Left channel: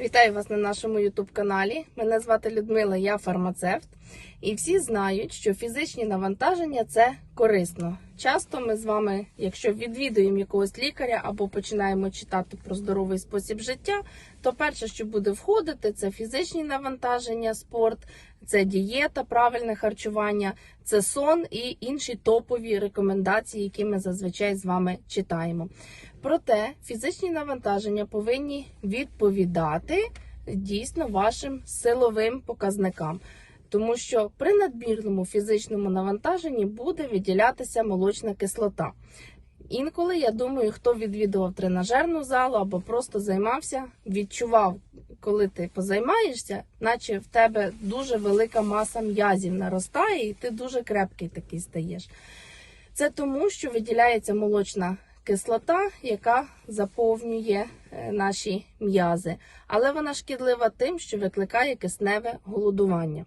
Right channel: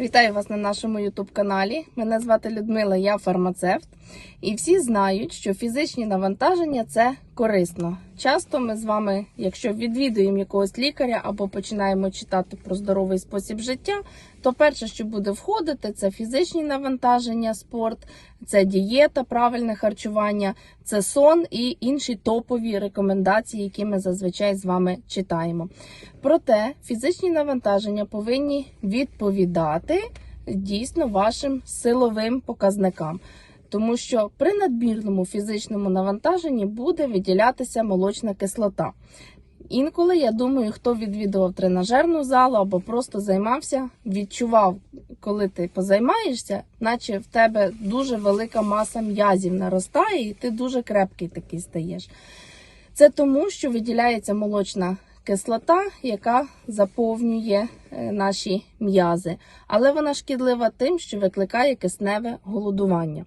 Вітаю вас на нашому youtube каналі. Мене звати Людмила, я фармацевт. І всі знають, що фізичні навантаження це корисно. Часто ми з вами, якщо відвідуємо якогось лікаря або починаємо читати про здоровий спосіб життя, то перше, що буде входити, це фізичні навантаження, спорт, це дієта, правильне харчування, це сон і інші топові рекомендації, які ми зазвичай з вами читаємо. Проте фізичні навантаження повинні відповідати дійсно вашим силовим показникам. Тому що при надмірному фізичному навантаженні буде виділятися молочна кислота. Інколи я думаю, хто відвідував тренажерну залу або просто займався, відчував, коли ти позаймаєшся, наче в тебе дуже велика маса м'язів наростає, і ти дуже крепкий такий стаєш. Це тому, що виділяється молочна кислота, яка заповнює е, наші м'язи, але вона шкідлива тим, що викликає кисневе голодування.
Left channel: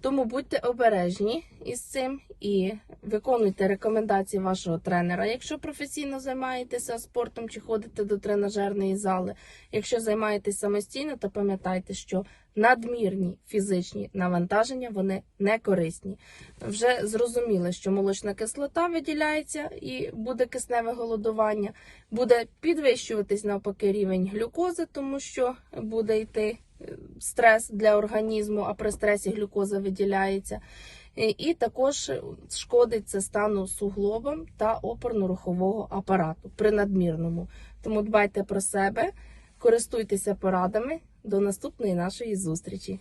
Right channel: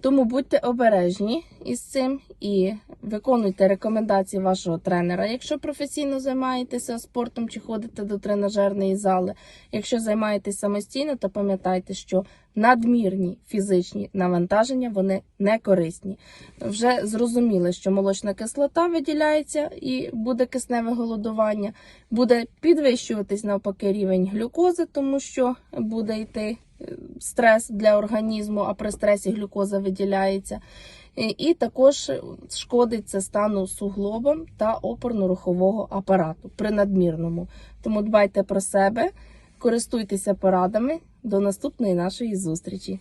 Тому будьте обережні із цим і виконуйте рекомендації вашого тренера. Якщо професійно займаєтеся спортом чи ходите до тренажерної зали, якщо займаєтесь самостійно, то пам'ятайте, що надмірні фізичні навантаження вони не корисні. Вже зрозуміли, що молочна кислота виділяється і буде кисневе голодування, буде підвищуватись навпаки рівень глюкози, тому що буде йти е, стрес для організму, а при стресі глюкоза виділяється. І- також шкодить це стану суглобам та опорно-рухового апарату при надмірному. Тому дбайте про себе, користуйтеся порадами. До наступної нашої зустрічі.